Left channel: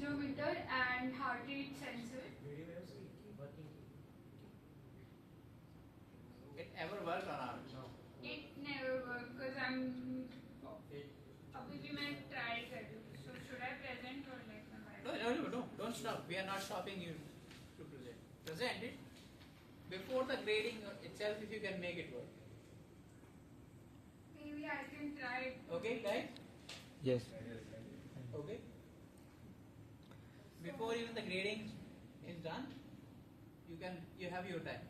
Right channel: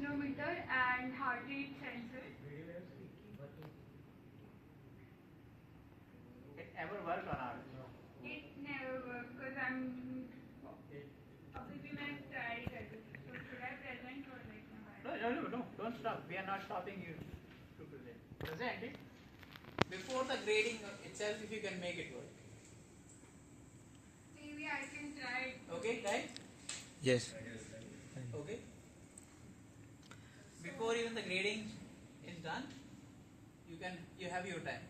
accelerometer and heart rate sensor. It ever worked or not? It never worked because I'm अभी भी मैं try कर रही हूँ. So should I present or like No, don't stop. We are not stopping you to present. Present it. Before the grading itself, if you can make it work. maybe I can try it. Okay, right? Yes. Okay. Before even the grading is done, you have your time.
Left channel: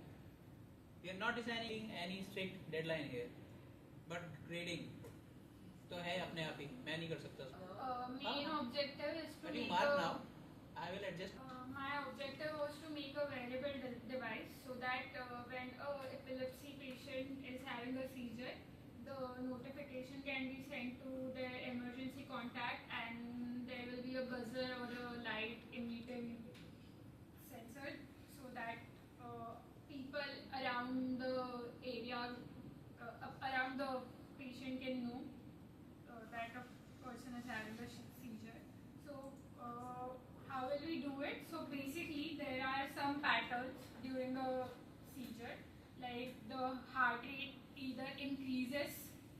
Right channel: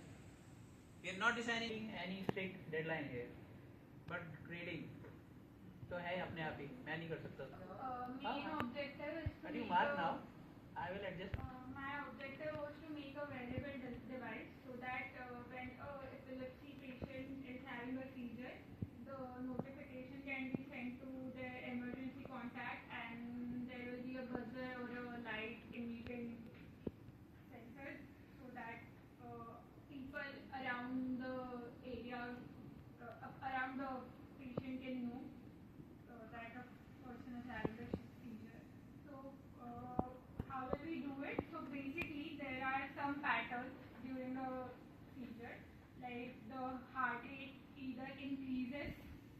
We are not designing any strict deadline here, but grading तो है अपने आप ही मैं नहीं कर सकता Main objective is to But you make mark a, now. I will adjust. My objective was to make a wearable device so that when a epilepsy patient is having a seizure, the notification can be sent to their emergency contact and there will be a buzzer or a light emitting sensor so that people around the area, around the patient can know that a person is having a seizure. So how will we do it? So basically there are some patterns during the seizure, like the heart rate either increases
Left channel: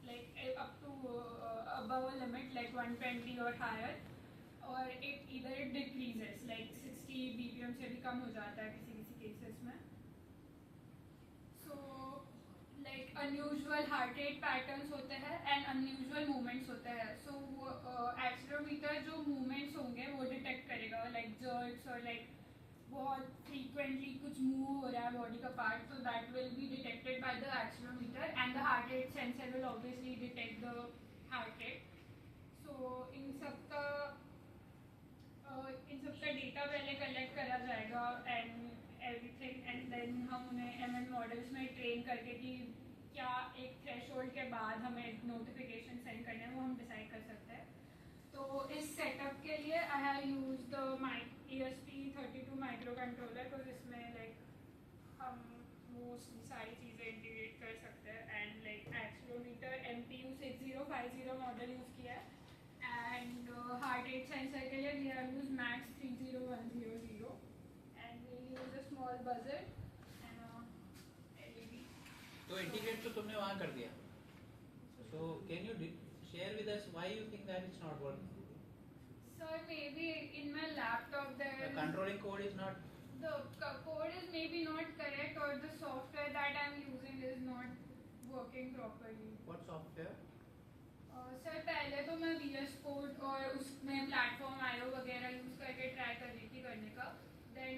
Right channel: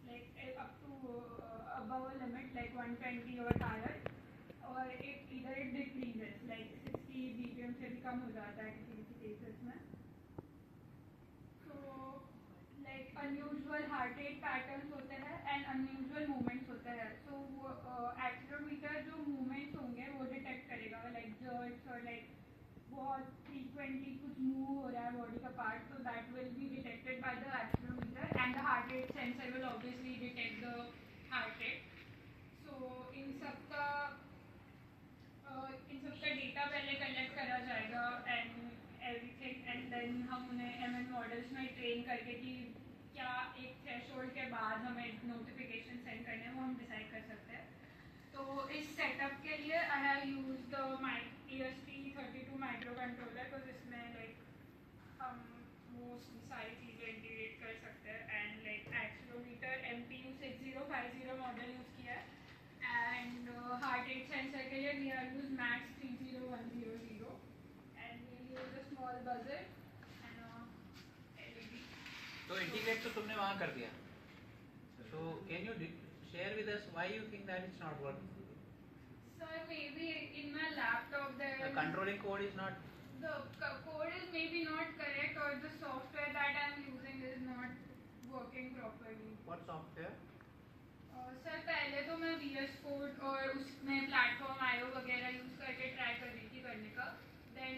like up to above a limit like 120 or higher, or it decreases like 60 BPM से भी कम हो जाता है किसी cases में. So like unusual heart rate patterns होते हैं and unusual movements होते हैं. So accelerometer जो movements होंगे वो detect करेगा like jerks or like बहुत frequently कुछ move हो रहा है body का part, so that will be detected by the accelerometer and the heart rate sensor will obviously detect the heart rate. So इन सब का data पहले collect करा जाएगा and everything, and then हम उन्हें ML models में train करके कि क्या एक threshold के बाद हमें notification send करना है वो हम decide कर सकते हैं. तो इस setup के लिए I have used the ESP32 microcontroller because इसमें like हम mostly सारी चीज़ें integrate कर सकते हैं and like accelerometer MPU 6050 model use किया है and heart rate sensor के लिए we have used Max 30100 and we use a small buzzer and LED. तो integrate तो तुमने वहाँ कर दिया. So can you share with us why you think that it's not working? Sir, maybe in my laptop there The controlling code is not. The code is maybe not correct or the software that I am using is not working properly. What software? Sir पहले तो मैं VS Code और उसमें platform IO वगैरह use करके try कर रही थी करने का. Then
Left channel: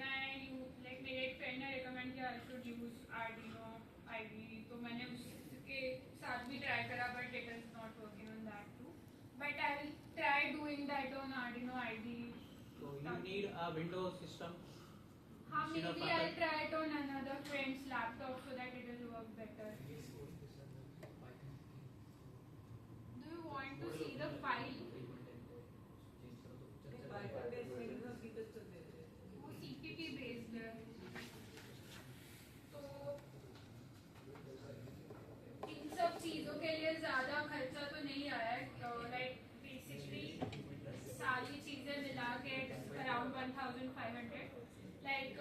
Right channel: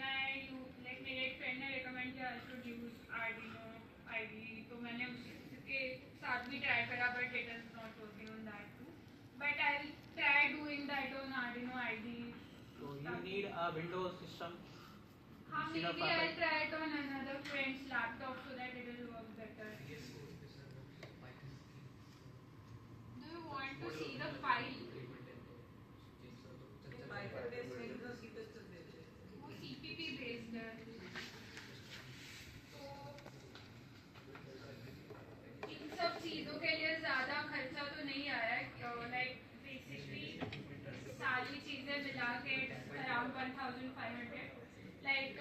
मेरे एक फ्रेंड ने रिकमेंड किया I should use Arduino IDE, तो मैंने उसके साथ भी ट्राई करा but it is not working on that too. But I'll try doing that on Arduino IDE. So you need a Windows system. हाँ, maybe I'll try it on another friend's laptop so that it will work better. Do you want to see the file? वो CPP based है. तो इन सब चीज़ों के लिए ज़्यादा खर्चा तो नहीं आया है. Like basically सारी चीज़ें मिला के around 1500. Like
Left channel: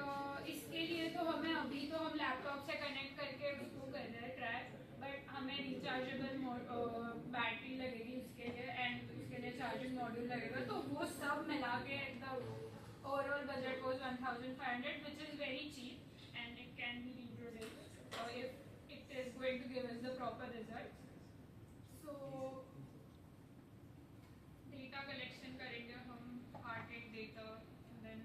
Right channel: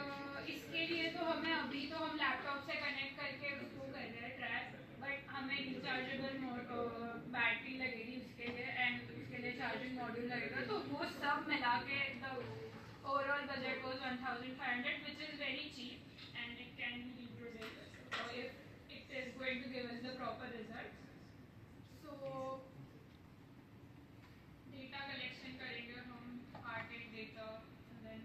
इसके लिए तो हमें अभी तो हम लैपटॉप से कनेक्ट करके उसको कर रहे हैं ट्रैक, बट हमें रिचार्जेबल बैटरी लगेगी उसके लिए एंड उसके लिए चार्जिंग मॉड्यूल लगेगा. तो वो सब मिला के the overall budget was 1500 which is very cheap and it can be reproduced if it is going to give us the proper results. So data collection करेंगे हम heart rate data then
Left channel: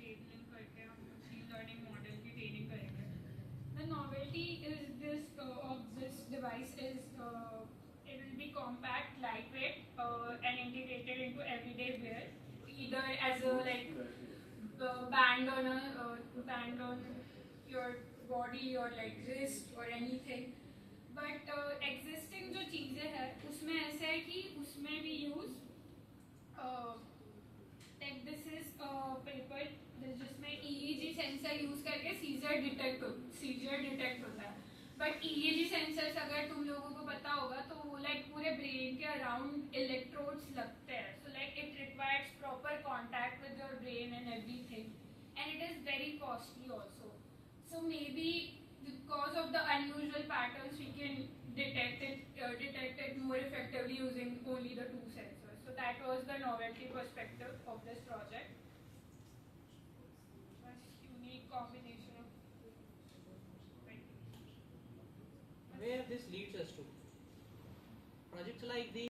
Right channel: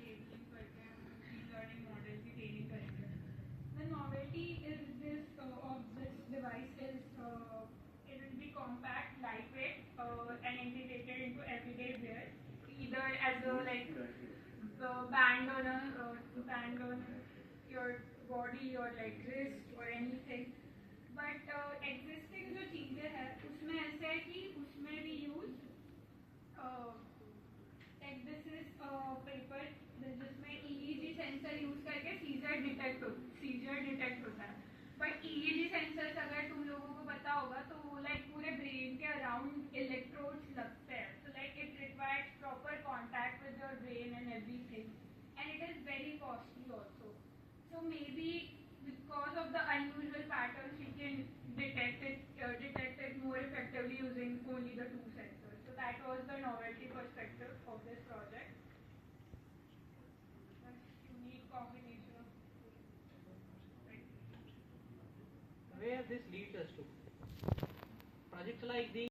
labeling करके हम machine learning model की training करेंगे. The novelty is of this device is it will be compact, lightweight, and integrated into everyday wear, either as a like band on your body or like wrist or anything. But existing जो चीज़ें हैं उसमें ऐसा है कि उसमें we use like this is paper जिसमें EEG sensor use करके सीजर डिटेक्ट होता है. बट EEG सेंसर्स अगर तुम लोगों को पता होगा तो लाइक पूरे ब्रेन के अराउंड इलेक्ट्रोड्स लगते हैं. So like it requires proper contact with your brain and everything, and it is very costly also. So maybe because of the unusual patterns, we can detect it more effectively using only the two sensors. So that was the novelty perspective of this project. Just unique combination of Where this leads us to projects like these